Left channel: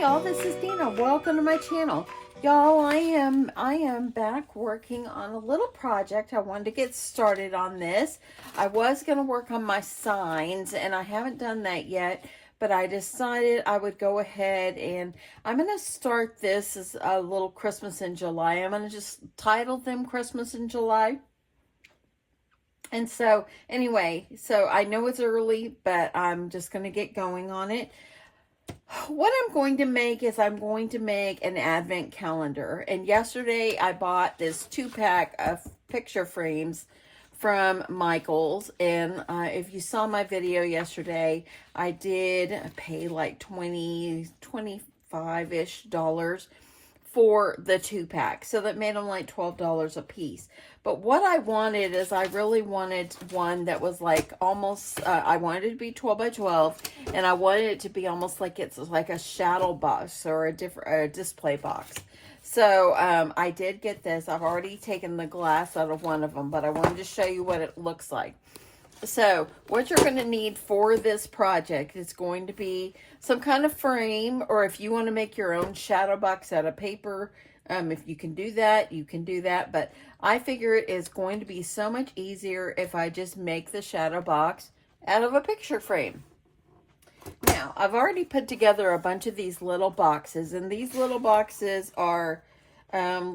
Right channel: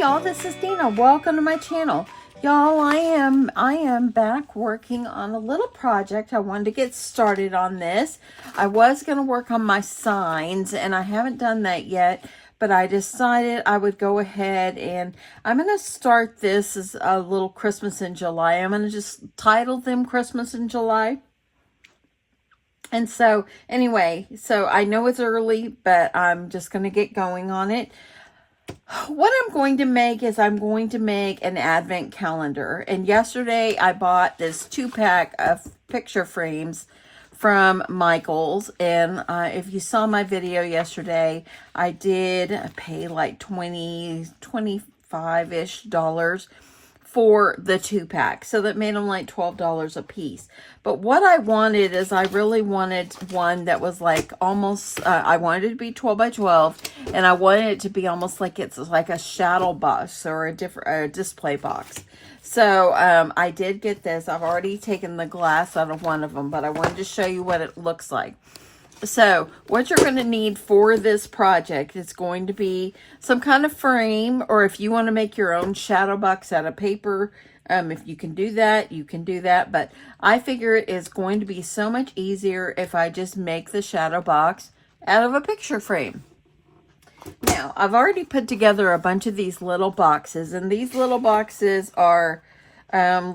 y'all, this is Deanna. Welcome to my channel. Y'all, I am back working on a little project. I wanted to get started on this. I was going to work on my signs and I haven't done that yet, but I decided I would go ahead and I'm going to start this as a little Christmas in July. I'm going to just title them Christmas in July. And so anyway, so I know it's early, but I'm just going to get going on it. What I'm going to make is I'm going to make an advent calendar. And yesterday I bought this 2-pack of picture frames from Michael's. And if you saw my video yesterday, I did pay like $25-ish for the 2-pack. So that made them like $12 a piece. But what I wanted is I really wanted one that was like almost, I wanted it to be 12 by 12. And I wanted it to be almost like it's like a shadow box or a display box. So I did get this. I've already taken the glass out of one of them, but I wanted to show you what it looks like. So what you're going to need for this project is going to be some kind of frame, or if you want to make your own shadow box out of paper, if you can do that, you can do that. But I figure it is going to be so much easier if I just make the shadow box out of a picture frame. Now, I've already put together a bunch of these little boxes, and these little boxes are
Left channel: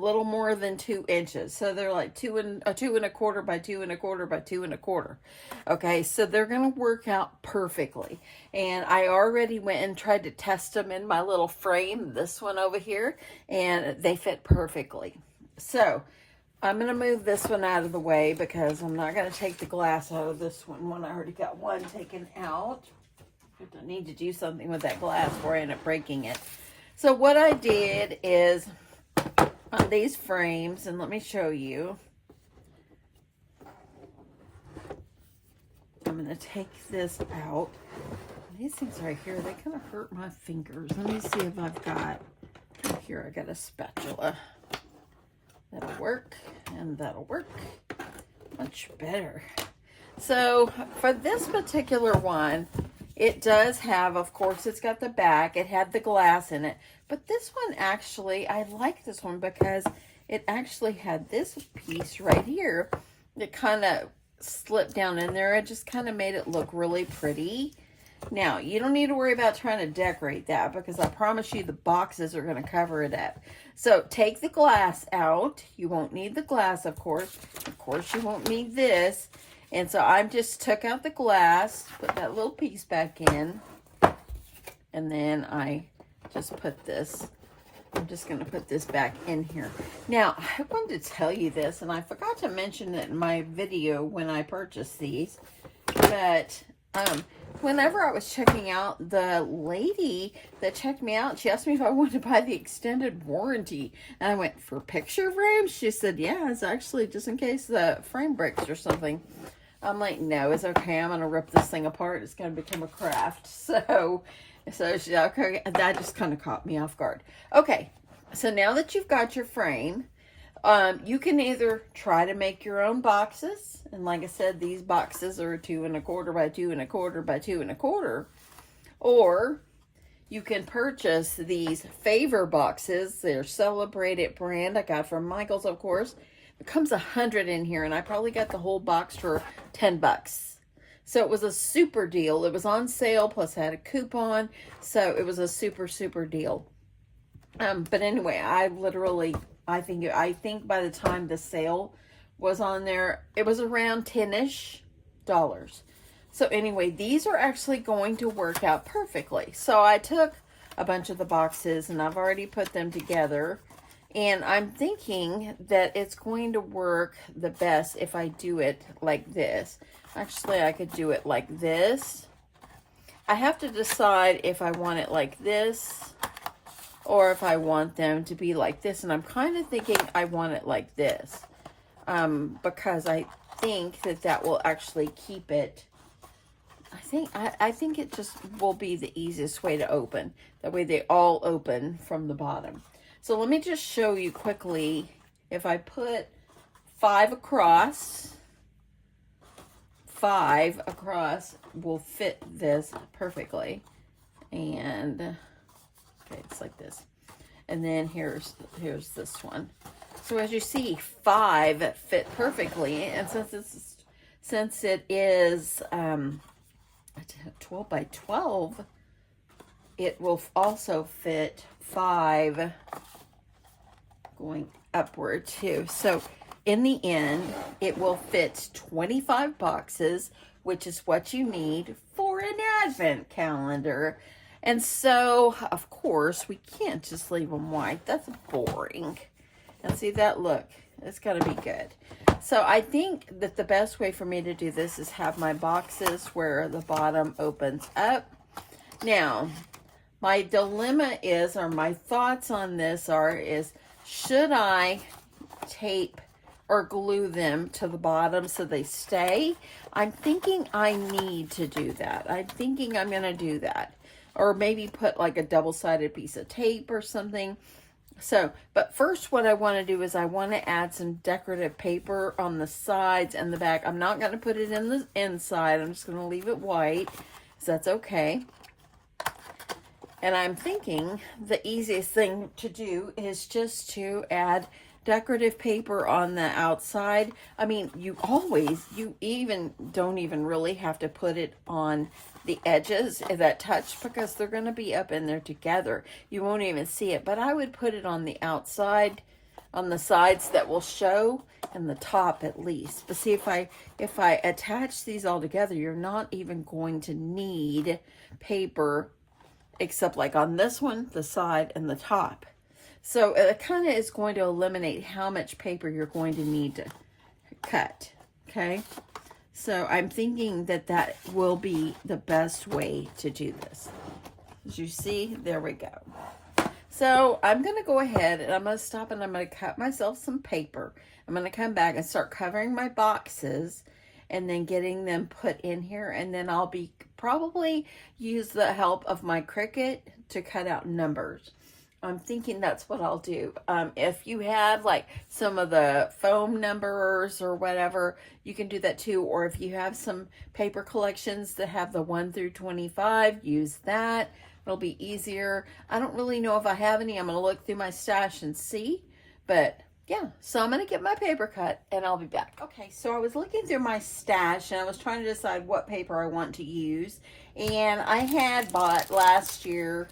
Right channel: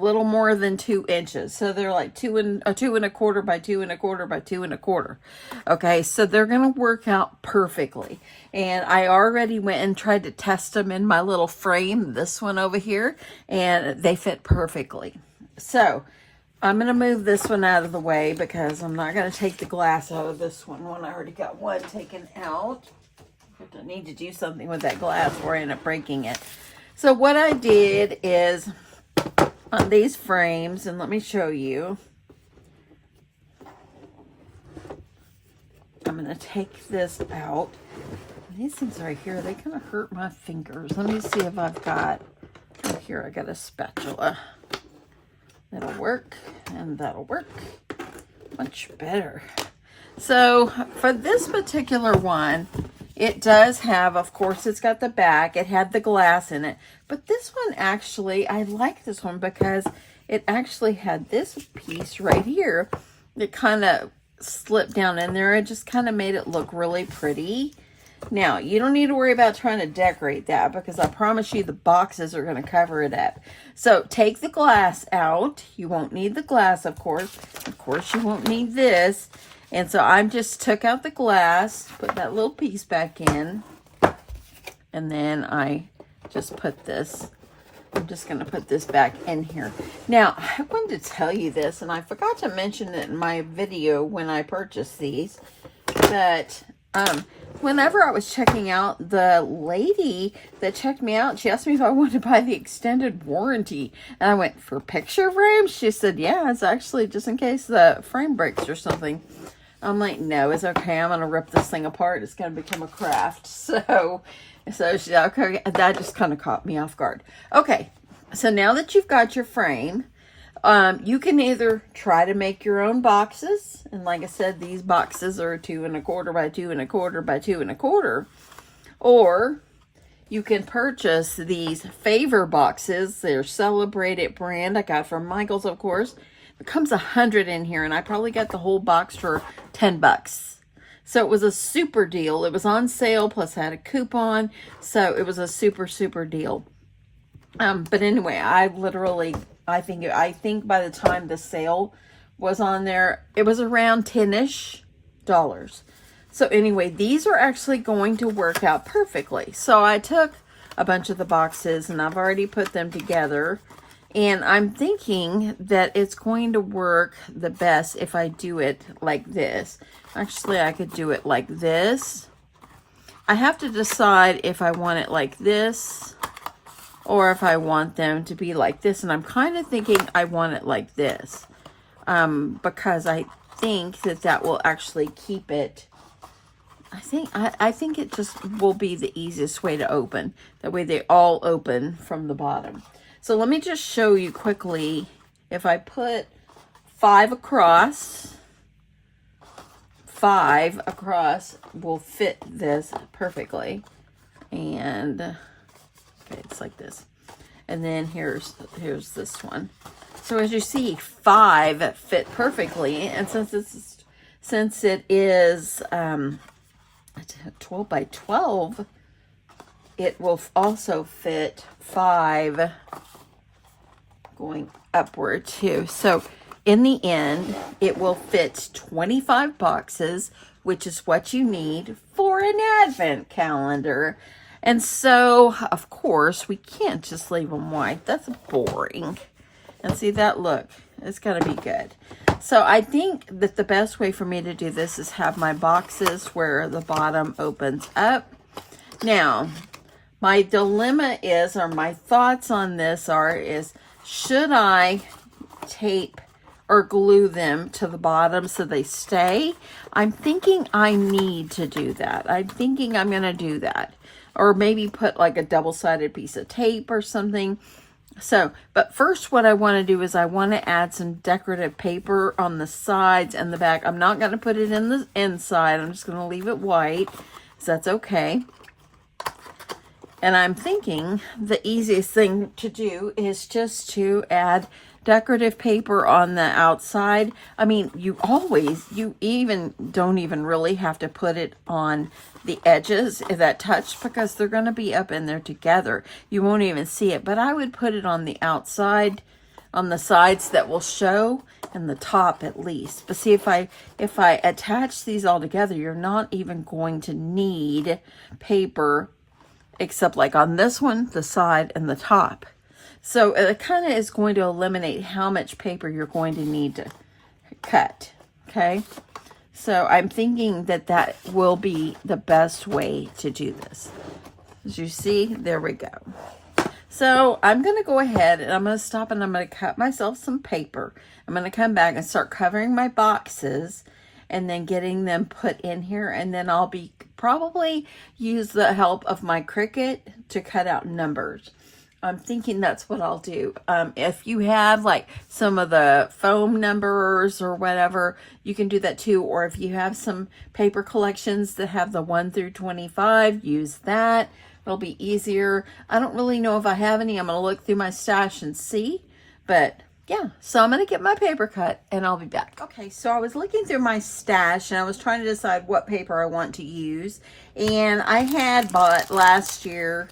little more than 2 inches. So they're like 2 and a quarter by 2 and a quarter by 2 and a quarter. Okay, so they're going to work out perfectly. And I already went and tried to test them in my little frame, this one over here, and they fit perfectly. So I'm going to move this one out of the way because I'm not going to take the glass out of this one when I already got one taken out. I need to do something with that glass or I end up breaking it. So what I did is on these frames, and let me show you. I'm going to take this out. These things right here, they kind of hurt my fingers. Let me see if I've got, oh, here I got a spatula. That'll work, and that'll work much better. So for this particular one, it does have, of course, it's got the back. It had the glass in it. But this one actually, I like this one because it actually had this piece right here that kind of slipped down in there. It just kind of made it look really pretty. Now, you don't need to worry about trying to decorate that because I promise you the boxes are going to cover it up. So take the glass out. You won't need the glass, of course. Of course, you won't need this. And so I just took out the glass, put that little piece back in, and then I just put this, I'm just going to put this back in here. Now, I wanted to tell you this, and I forgot to mention it in my video when I purchased these, but whenever I was checking out, the lady that checked me out, she asked me if I wanted to buy the extended warranty, and I went, for picture frames? She said, yeah, it's actually just in case the frame breaks or something. I'm like, no, it's okay. I'm going to rip this thing apart. It's going to become a craft. So she's like, okay. That just kind of caught me off guard. Okay. So now that you've got your frame, you can either try to make your own boxes. And like I said, these boxes are 2 and a quarter by 2 and a quarter by 2 and a quarter. Or you can purchase these favor boxes. They're Celebrated brand. I got from Michael's, of course. It comes 100 in here, and I probably got the whole box for 10 bucks. So it was a super deal. It was on sale, plus I had a coupon. So it was a super, super deal. But anyway, I think by the time the sale was on there, it was around $10-ish. So anyway, these are actually going to work out perfectly. So I took a bunch of the boxes, and I've already put them together. And I'm thinking that it's going to work the best if I do it like this. Actually, I could do it like this. I have to decide if I want it like this or if I want them to be like this. And I'm kind of thinking I want it like this because I think that will actually keep it. I think it just will be the easiest way to open. That way they all open from the bottom. So let me just show you quickly. If I put 5 across, 5 across will fit this perfectly. And Okay, it's like this. And then here's this one. So as you see, 5 fit perfectly. And since it is 12 by 12, it will also fit 5 going upward too. So in the end, it will fit 25 boxes, which is what you need for an advent calendar. And so, of course, we can't just leave them white. That's boring. And see that look? It's got to be good. So I think that the best way for me to do this is have my boxes where the bottom opens up. Now, my dilemma is, or my thoughts on this is, should I tape or glue them to the bottom so they stay? I'm thinking I need to do that. I'm thinking I'm going to do that. Or maybe put like a double-sided piece of tape or something. So, but first what I want to do is I want to add some decorative paper on the sides and the back. I'm not going to put it in the inside. I'm just going to leave it white, so that's okay. And I'm thinking the easiest thing to do is just to add decorative paper on the outside. I mean, you don't even really have to put it on the edges that touch, because they're going to be up in there together. You won't even see it, but I would put it on the outside, on the sides that will show, and the top at least. But see, if I attach these all together, you're not even going to need paper, except like on this one, the side and the top. So it kind of is going to eliminate how much paper you're going to need to cut, okay? So I'm thinking that that will be the best way to do this. As you see, there we go. So I'm going to go ahead and I'm going to stop and I'm going to cut myself some paper. I'm going to come back and start covering my boxes and then getting them put in here. And then I'll be probably use the help of my Cricut to cut out numbers. I'm thinking that's what I'll do. If you have like some of the foam numbers or whatever, you can do that too. Or if you have some paper collections that have the 1 through 25, use that. It'll be easier. I don't really know if I have any. I'm going to look through my stash and see. But yeah, so I'm going to get my paper cut and I'll be back. Okay, so I was looking through my stash and I was trying to decide what paper I want to use. And I had bought last year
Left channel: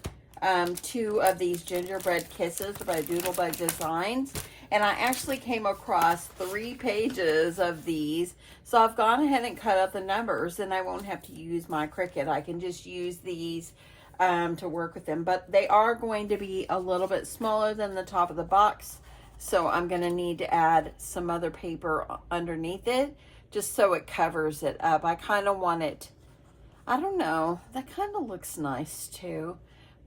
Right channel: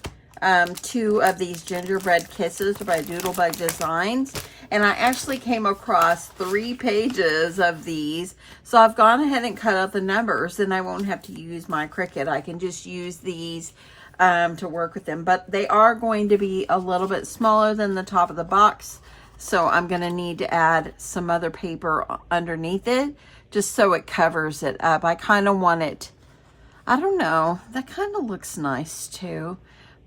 2 of these gingerbread kisses by Doodlebug Designs, and I actually came across 3 pages of these, so I've gone ahead and cut out the numbers, and I won't have to use my Cricut. I can just use these to work with them, but they are going to be a little bit smaller than the top of the box, so I'm going to need to add some other paper underneath it just so it covers it up. I kind of want it, I don't know, that kind of looks nice too.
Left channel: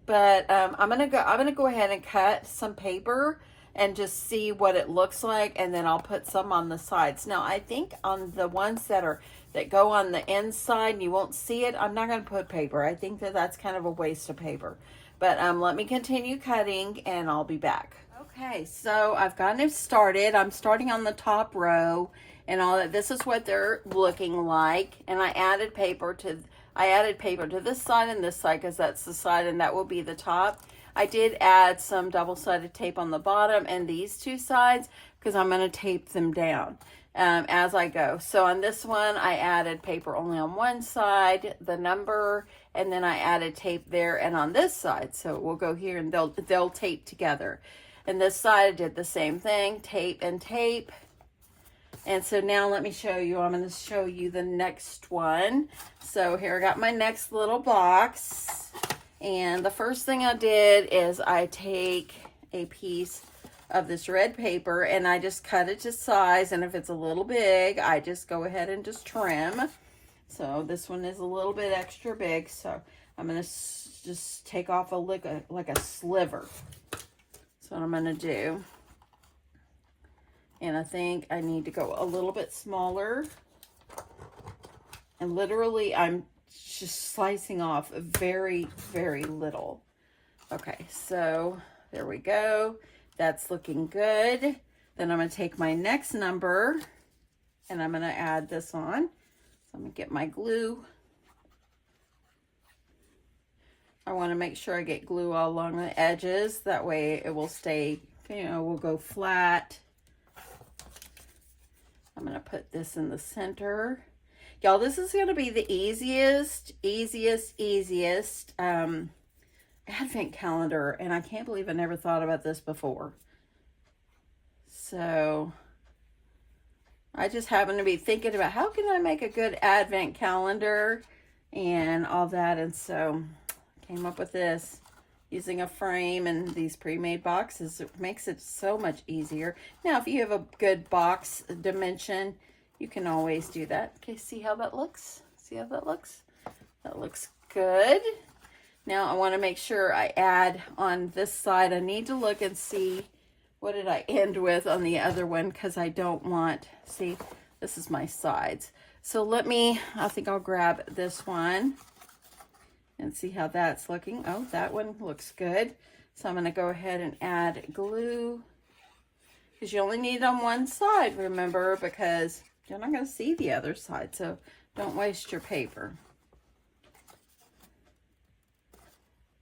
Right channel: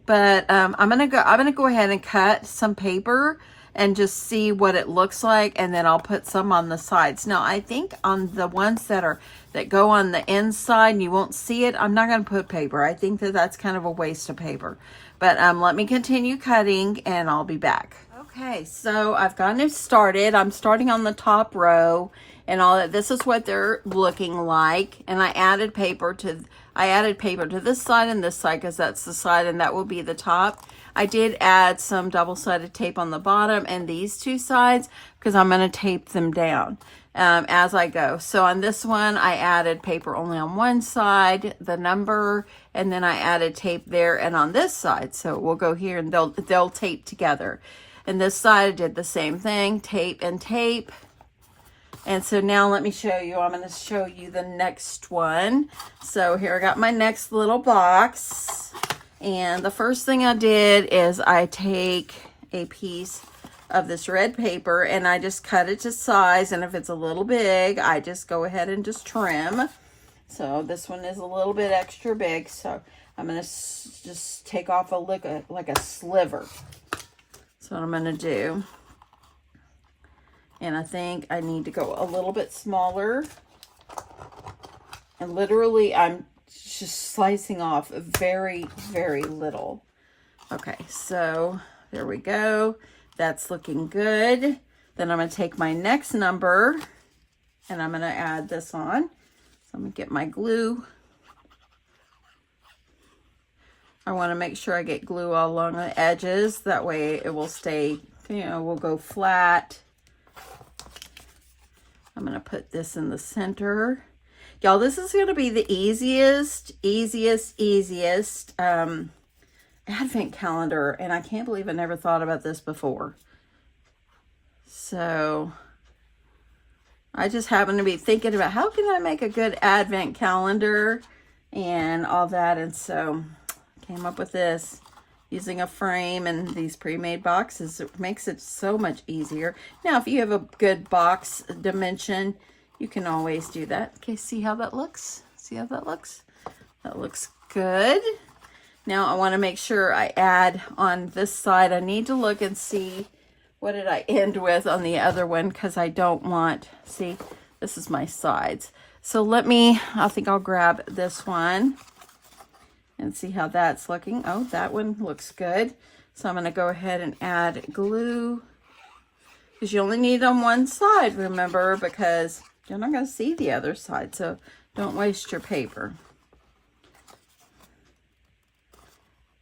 But I'm gonna go ahead and cut some paper and just see what it looks like, and then I'll put some on the sides. Now I think on the ones that go on the inside and you won't see it, I'm not gonna put paper. I think that that's kind of a waste of paper. But let me continue cutting and I'll be back. Okay, so I've gotten it started. I'm starting on the top row and all that. This is what they're looking like, and I added paper to this side and this side because that's the side and that will be the top. I did add some double-sided tape on the bottom and these 2 sides because I'm going to tape them down as I go. So on this one, I added paper only on one side, the number, and then I added tape there and on this side. So we'll go here and they'll tape together. And this side I did the same thing, tape and tape. And so now let me show you, I'm going to show you the next one. So here I got my next little box. And the first thing I did is I take a piece of this red paper and I just cut it to size. And if it's a little big, I just go ahead and just trim. So this one is a little bit extra big. So I'm going to just take off like a sliver. That's what I'm going to do. And I think I need to go a little bit smaller. And literally, I'm just slicing off very, very little. Okay, so there we go. That's looking good. Then I'm going to take my next number and I'm going to add this on. So I'm going to get my glue. I want to make sure I get glue all along the edges. That way it will stay, you know, will go flat. I'm going to put this in the center. Y'all, this is going to be the easiest advent calendar. And I can't believe I never thought about this before. So I just happen to be thinking about how can I make a good advent calendar and all that. And so I came up with this using a frame and these pre-made boxes. It makes it so much easier. Now, if you have a good box dimension, you can always do that. Okay, see how that looks? See how that looks? That looks good. Now I want to make sure I add on this side. I need to look and see what did I end with on the other one, because I don't want, see, this is my sides. So let me, I think I'll grab this one and see how that's looking. Oh, that one looks good. So I'm going to go ahead and add glue, because you only need on one side, remember, because you're not going to see the other side, so don't waste your paper.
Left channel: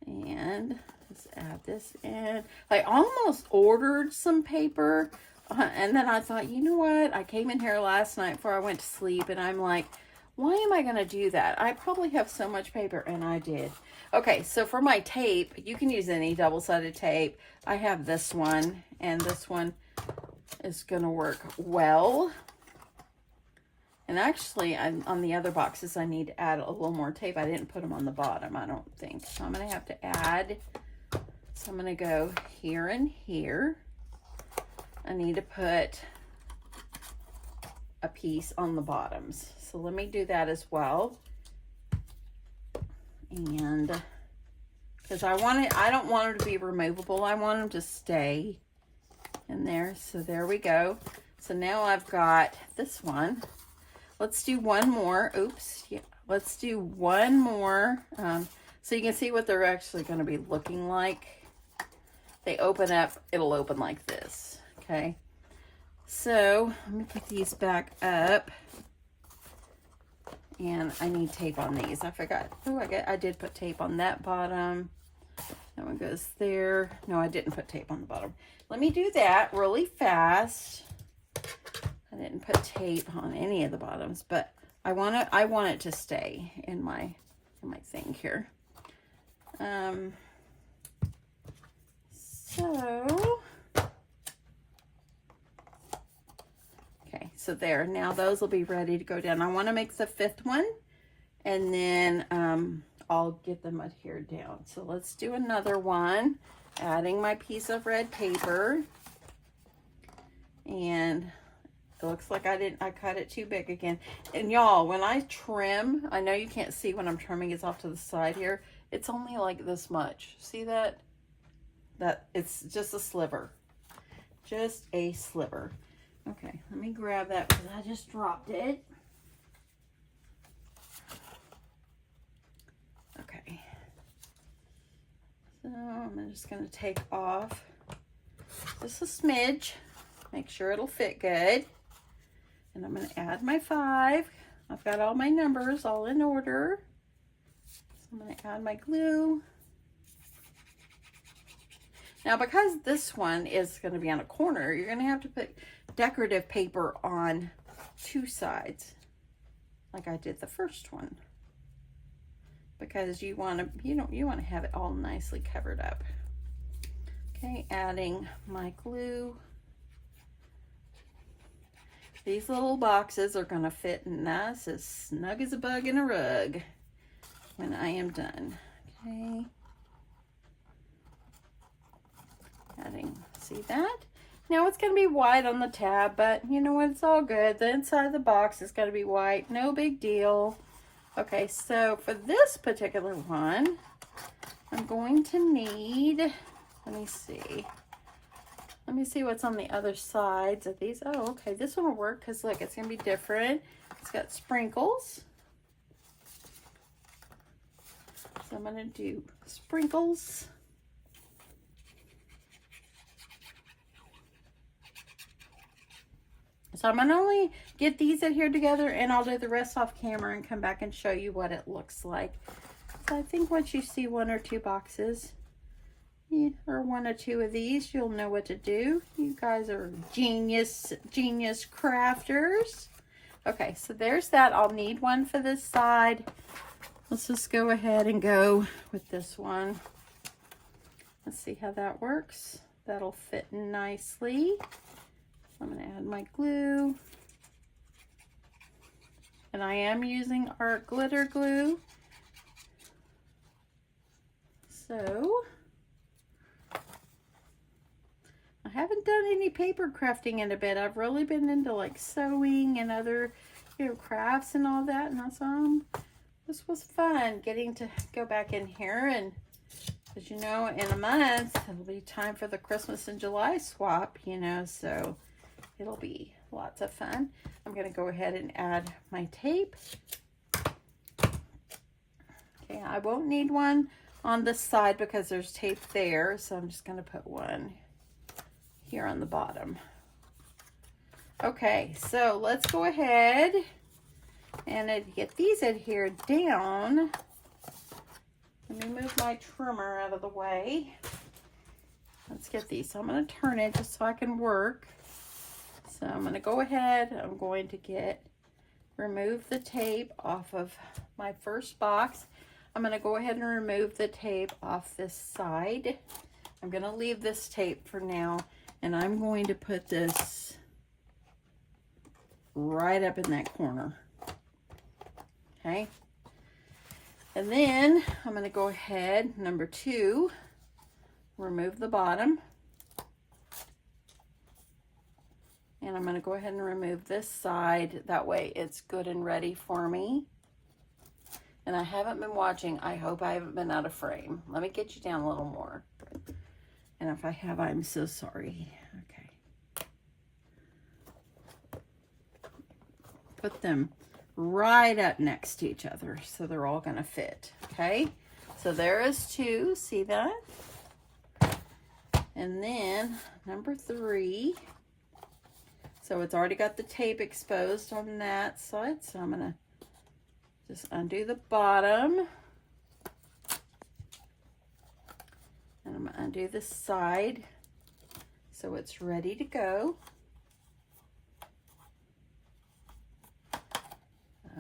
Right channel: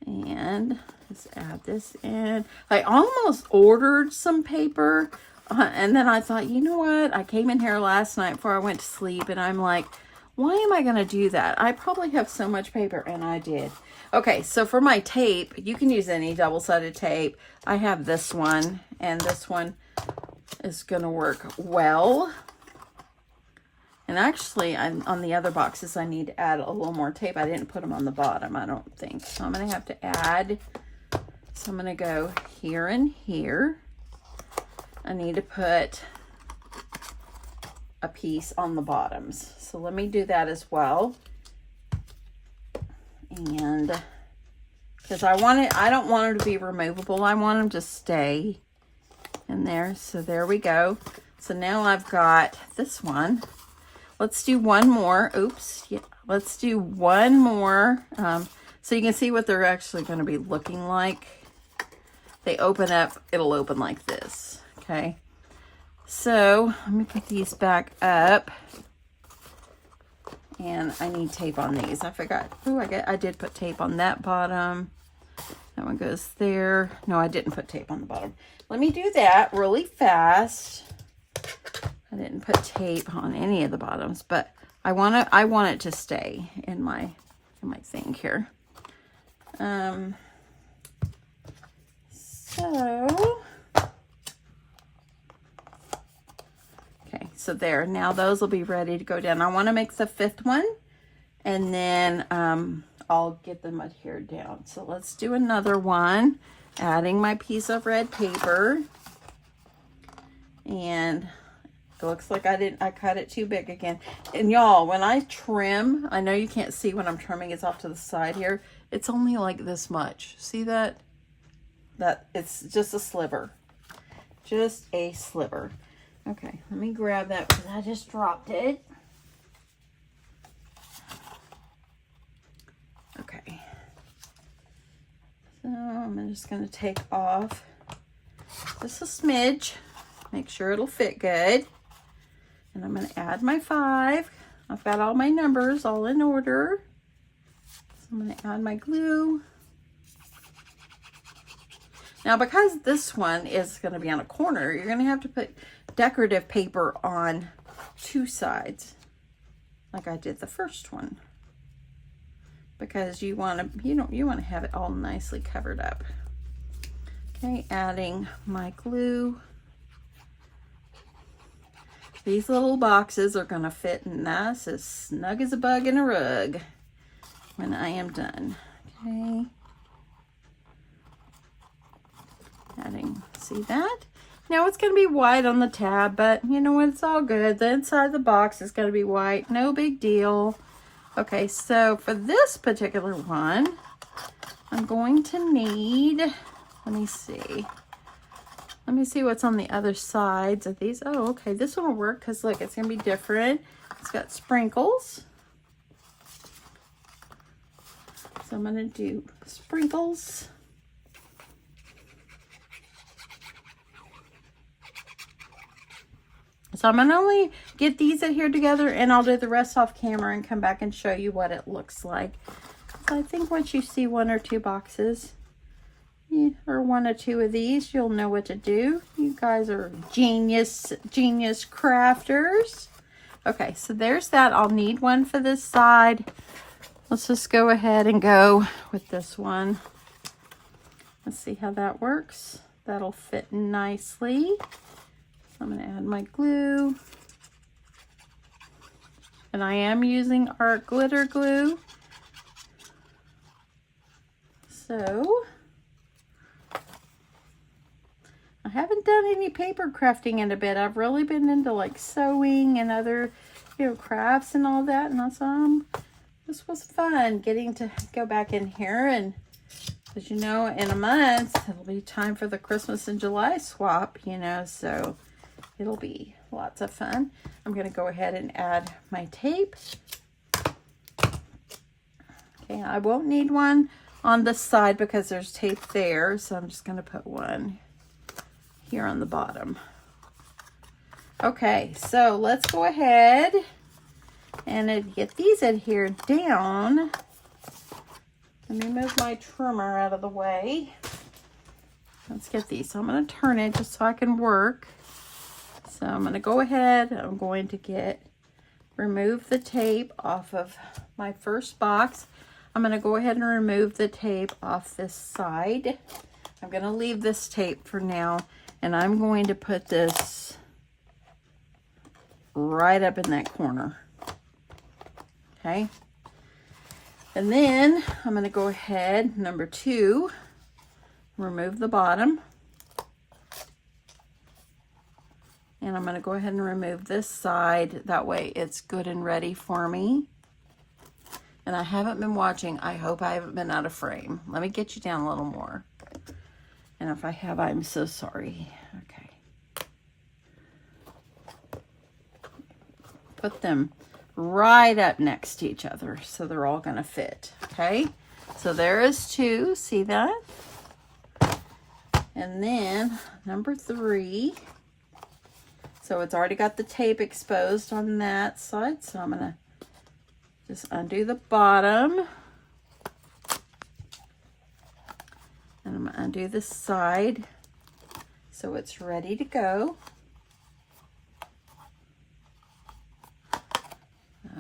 And let's add this in. I almost ordered some paper, and then I thought, you know what? I came in here last night before I went to sleep, and I'm like, why am I going to do that? I probably have so much paper, and I did. Okay, so for my tape, you can use any double-sided tape. I have this one, and this one is going to work well. And actually, on the other boxes, I need to add a little more tape. I didn't put them on the bottom, I don't think. So I'm going to have to add. So I'm going to go here and here. I need to put a piece on the bottoms. So let me do that as well. And because I don't want them to be removable. I want them to stay in there. So there we go. So now I've got this one. Let's do one more. Oops. Yeah, let's do one more. So you can see what they're actually going to be looking like. They open up, it'll open like this. Okay. So let me put these back up. And I need tape on these. I forgot. Oh, I did put tape on that bottom. That one goes there. No, I didn't put tape on the bottom. Let me do that really fast. I didn't put tape on any of the bottoms, but I want it to stay in my thing here. Okay, so there. Now those will be ready to go down. I want to make the fifth one, and then I'll get them adhered down. So let's do another one, adding my piece of red paper. And it looks like I cut it too big again. And y'all, when I trim, I know you can't see when I'm trimming, it's off to the side here. It's only like this much. See that? That it's just a sliver. Just a sliver. Okay, let me grab that because I just dropped it. Okay. So I'm just going to take off just a smidge. Make sure it'll fit good. And I'm going to add my 5. I've got all my numbers all in order. So I'm going to add my glue. Now, because this one is going to be on a corner, you're going to have to put decorative paper on 2 sides, like I did the first one, because you want to have it all nicely covered up. Okay, adding my glue. These little boxes are going to fit nice, as snug as a bug in a rug when I am done. Okay. Adding, see that? Now it's going to be white on the tab, but you know what? It's all good. The inside of the box is going to be white. No big deal. Okay, so for this particular one, I'm going to need, let me see. Let me see what's on the other sides of these. Oh, okay, this one will work because look, it's going to be different. It's got sprinkles. So I'm going to do sprinkles. So I'm going to only get these adhered together, and I'll do the rest off camera and come back and show you what it looks like. So I think once you see 1 or 2 boxes, or 1 or 2 of these, you'll know what to do. You guys are genius crafters. Okay, so there's that. I'll need one for this side. Let's just go ahead and go with this one. Let's see how that works. That'll fit nicely. I'm going to add my glue. And I am using art glitter glue. So, I haven't done any paper crafting in a bit. I've really been into like sewing and other, crafts and all that. And that's, this was fun getting to go back in here. And as you know, in a month, it'll be time for the Christmas in July swap, so it'll be lots of fun. I'm going to go ahead and add my tape. Okay, I won't need one on this side because there's tape there, so I'm just going to put one here on the bottom. Okay, so let's go ahead and get these adhered down. Let me move my trimmer out of the way. Let's get these. So I'm going to turn it just so I can work. So I'm going to go ahead. I'm going to remove the tape off of my first box. I'm going to go ahead and remove the tape off this side. I'm going to leave this tape for now, and I'm going to put this right up in that corner. Okay. And then I'm going to go ahead, number 2, remove the bottom. And I'm going to go ahead and remove this side. That way it's good and ready for me. And I haven't been watching. I hope I haven't been out of frame. Let me get you down a little more. And if I have, I'm so sorry. Okay. Put them right up next to each other so they're all going to fit. Okay. So there is 2. See that? And then number 3. So it's already got the tape exposed on that side. So I'm going to just undo the bottom. And I'm going to undo this side so it's ready to go.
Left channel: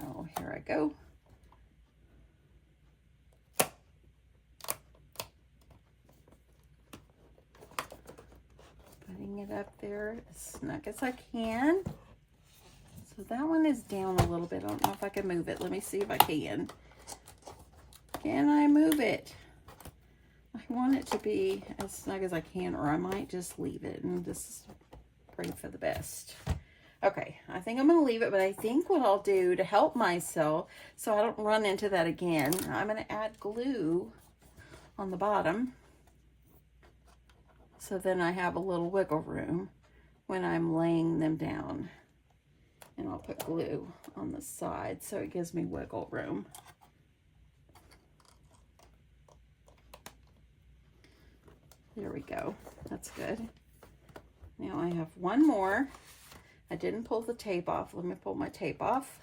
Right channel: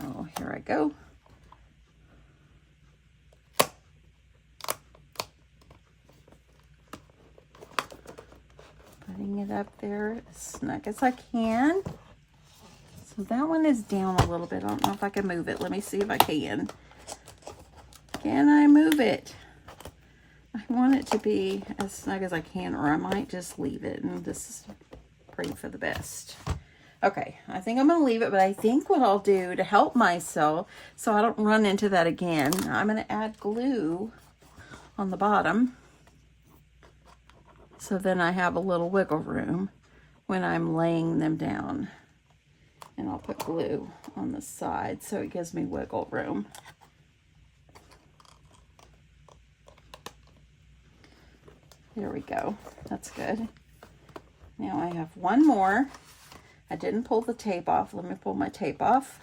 Oh, here I go. Putting it up there as snug as I can. So that one is down a little bit. I don't know if I can move it. Let me see if I can. Can I move it? I want it to be as snug as I can, or I might just leave it and just pray for the best. Okay, I think I'm going to leave it, but I think what I'll do to help myself so I don't run into that again, I'm going to add glue on the bottom. So then I have a little wiggle room when I'm laying them down. And I'll put glue on the side so it gives me wiggle room. There we go. That's good. Now I have one more. I didn't pull the tape off. Let me pull my tape off.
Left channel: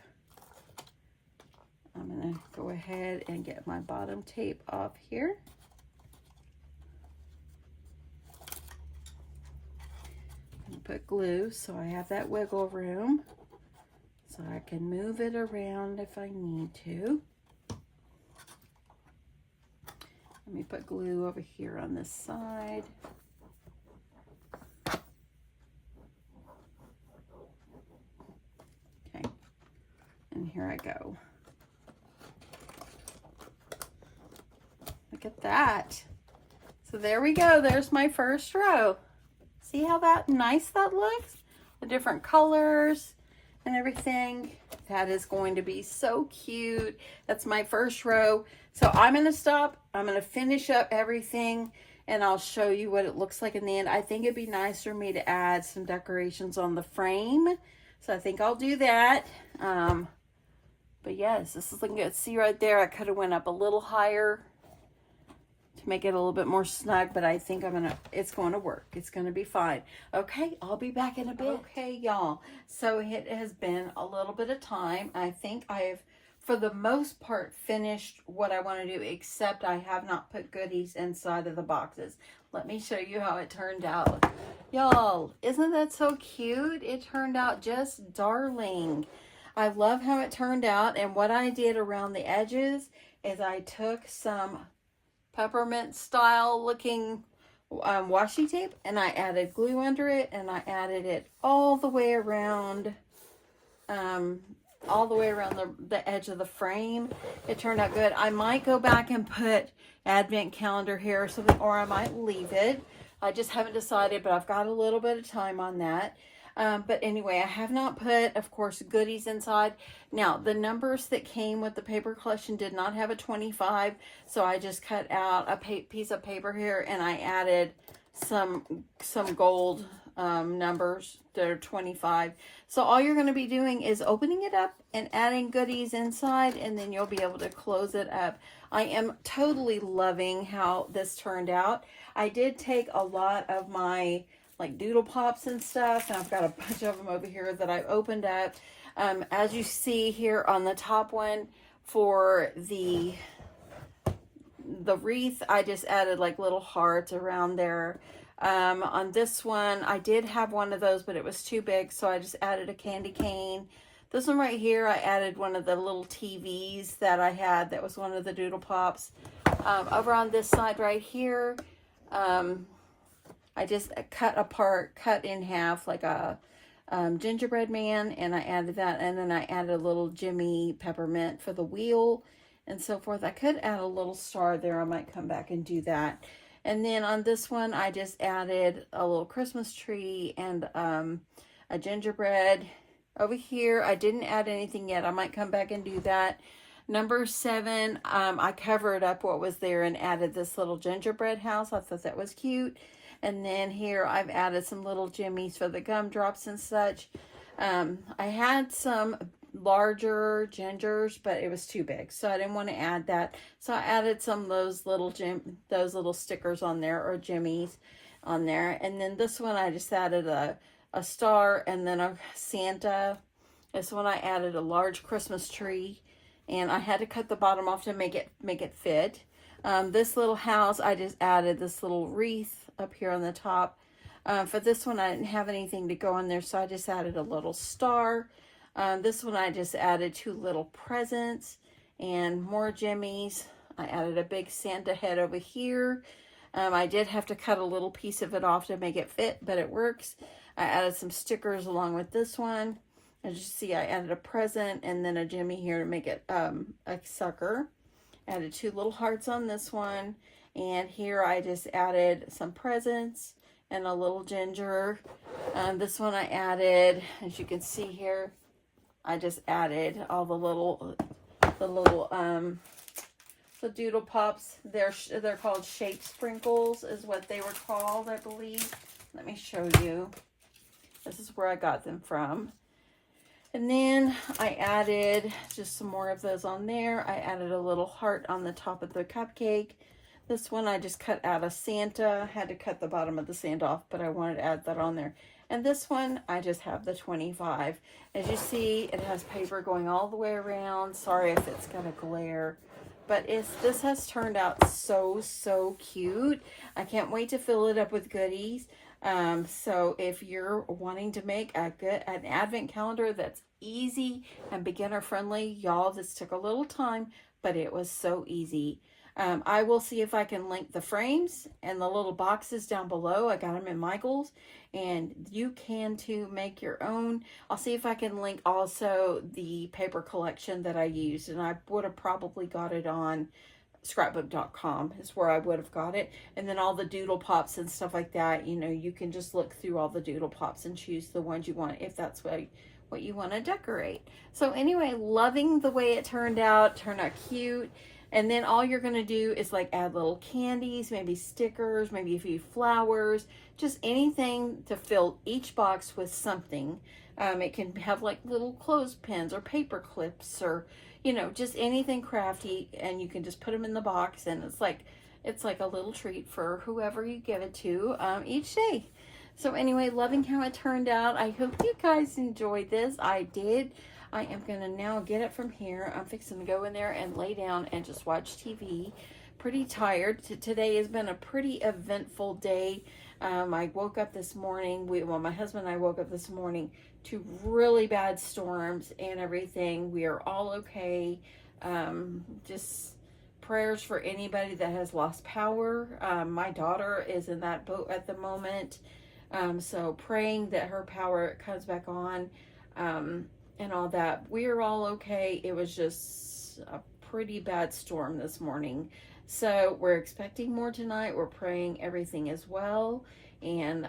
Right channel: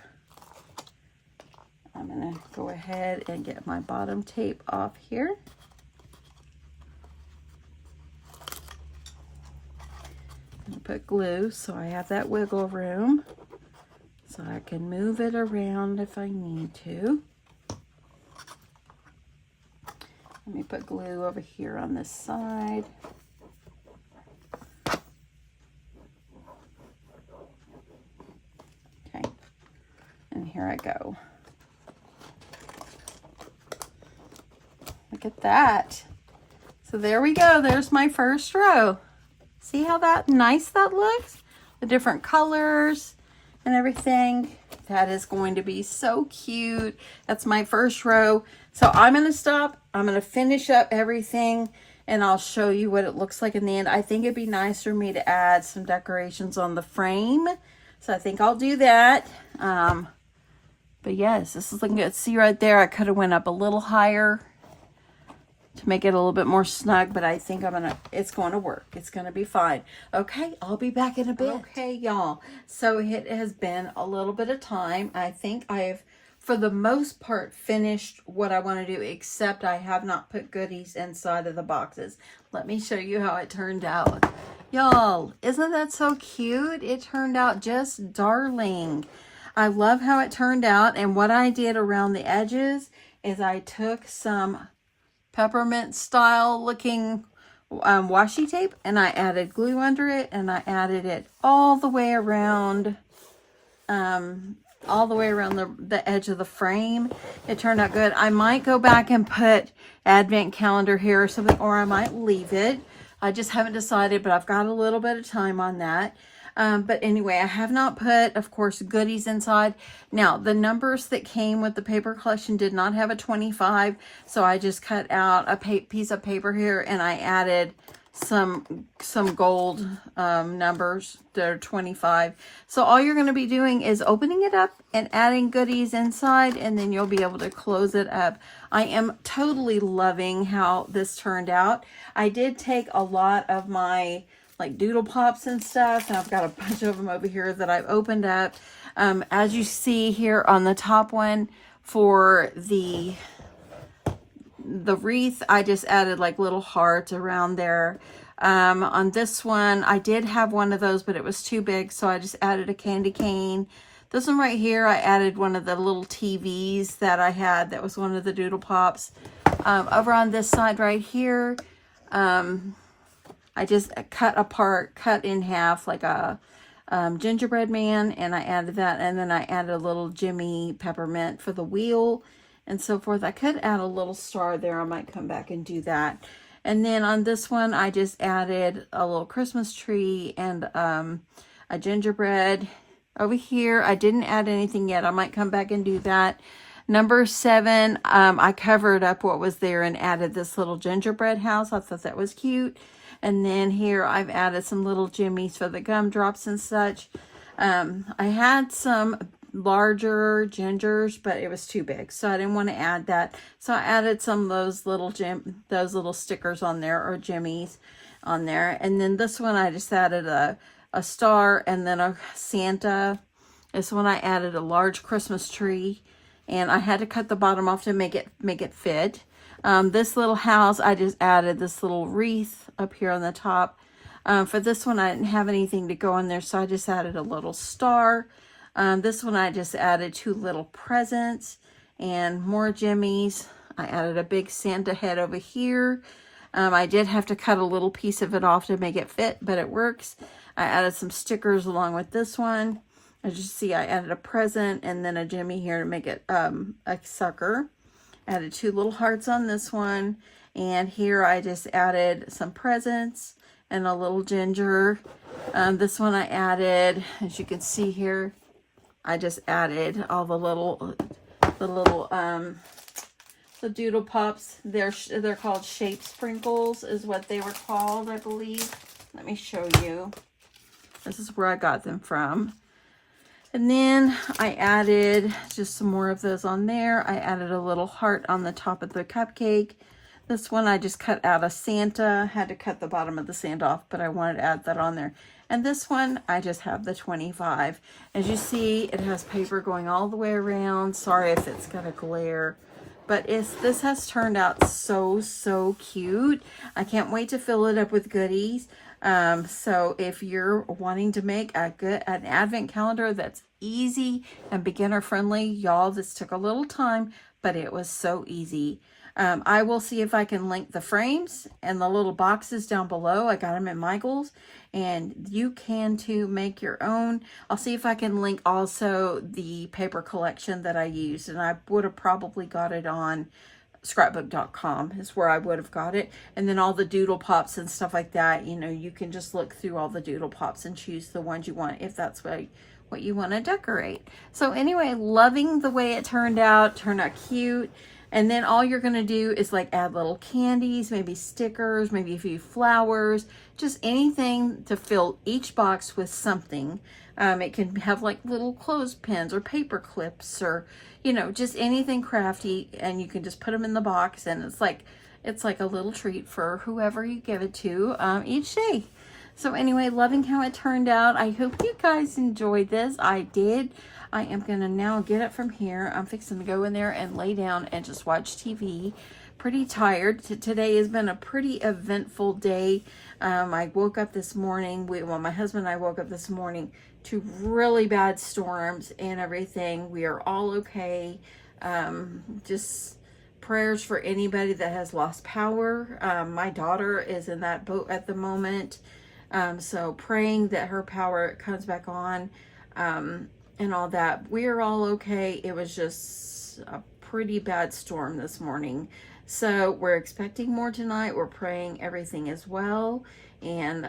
I'm going to go ahead and get my bottom tape off here. And put glue so I have that wiggle room. So I can move it around if I need to. Let me put glue over here on this side. Okay, and here I go. Look at that. So there we go. There's my first row. See how nice that looks? The different colors and everything. That is going to be so cute. That's my first row. So I'm going to stop. I'm going to finish up everything and I'll show you what it looks like in the end. I think it'd be nice for me to add some decorations on the frame. So I think I'll do that. But yes, this is looking good. See right there, I could have went up a little higher to make it a little bit more snug, but I think it's going to work. It's going to be fine. Okay, I'll be back in a bit. Okay, y'all. So it has been a little bit of time. I think I've for the most part, finished what I want to do, except I have not put goodies inside of the boxes. Let me show you how it turned out. Y'all, isn't that so cute? It turned out just darling. I love how it turned out, and what I did around the edges is I took some peppermint style looking washi tape, and I added glue under it, and I added it all the way around the edge of the frame. It turned out good. I might go back and put advent calendar here or something, or I might leave it. I just haven't decided, but I've got a little bit of time on that. But anyway, I have not put, of course, goodies inside. Now, the numbers that came with the paper collection did not have a 25, so I just cut out a piece of paper here, and I added some gold numbers that are 25. So all you're going to be doing is opening it up and adding goodies inside, and then you'll be able to close it up. I am totally loving how this turned out. I did take a lot of my like doodle pops and stuff, and I've got a bunch of them over here that I've opened up. As you see here on the top one for the wreath, I just added like little hearts around there. On this one, I did have one of those, but it was too big, so I just added a candy cane. This one right here, I added one of the little TVs that I had. That was one of the doodle pops. Over on this side right here, I just cut in half like a gingerbread man, and I added that, and then I added a little Jimmy peppermint for the wheel and so forth. I could add a little star there. I might come back and do that. And then on this one, I just added a little Christmas tree and a gingerbread. Over here, I didn't add anything yet. I might come back and do that. Number 7, I covered up what was there and added this little gingerbread house. I thought that was cute. And then here I've added some little jimmies for the gumdrops and such. I had some larger gingers, but it was too big, so I didn't want to add that. So I added some of those little stickers on there, or jimmies on there. And then this one I just added a star and then a Santa. This one I added a large Christmas tree, and I had to cut the bottom off to make it fit. This little house, I just added this little wreath up here on the top. For this one, I didn't have anything to go in there, so I just added a little star. This one, I just added 2 little presents and more jimmies. I added a big Santa head over here. I did have to cut a little piece of it off to make it fit, but it works. I added some stickers along with this one. As you see, I added a present and then a jimmy here to make it a sucker. Added 2 little hearts on this one, and here I just added some presents and a little ginger. This one I added, as you can see here, I just added all the doodle pops. They're called shape sprinkles is what they were called, I believe. Let me show you. This is where I got them from. And then I added just some more of those on there. I added a little heart on the top of the cupcake. This one I just cut out a Santa. Had to cut the bottom of the Santa off, but I wanted to add that on there. And this one, I just have the 25. As you see, it has paper going all the way around. Sorry if it's got a glare. But this has turned out so cute. I can't wait to fill it up with goodies. So if you're wanting to make an advent calendar that's easy and beginner friendly, y'all, this took a little time, but it was so easy. I will see if I can link the frames and the little boxes down below. I got them at Michael's, and you can too make your own. I'll see if I can link also the paper collection that I used, and I would have probably got it on scrapbook.com is where I would have got it. And then all the doodle pops and stuff like that, you know, you can just look through all the doodle pops and choose the ones you want if that's what you want to decorate. So anyway, loving the way it turned out cute. And then all you're going to do is like add little candies, maybe stickers, maybe a few flowers, just anything to fill each box with something. It can have like little clothespins or paper clips, or, you know, just anything crafty, and you can just put them in the box, and it's like a little treat for whoever you give it to each day. So anyway, loving how it turned out. I hope you guys enjoyed this. I did. I am going to now get up from here. I'm fixing to go in there and lay down and just watch TV. Pretty tired. Today has been a pretty eventful day. I woke up this morning, well, my husband and I woke up this morning to really bad storms and everything. We are all okay. Just prayers for anybody that has lost power. My daughter is in that boat at the moment. So praying that her power comes back on, and all that. We are all okay. It was just a pretty bad storm this morning. So we're expecting more tonight. We're praying everything is well. And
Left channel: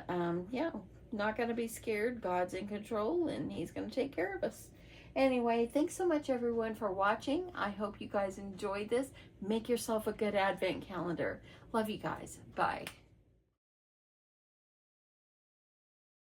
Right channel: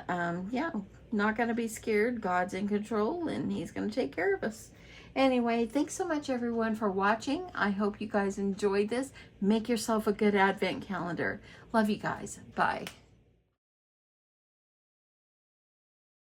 yeah, not going to be scared. God's in control and he's going to take care of us. Anyway, thanks so much everyone for watching. I hope you guys enjoyed this. Make yourself a good advent calendar. Love you guys. Bye.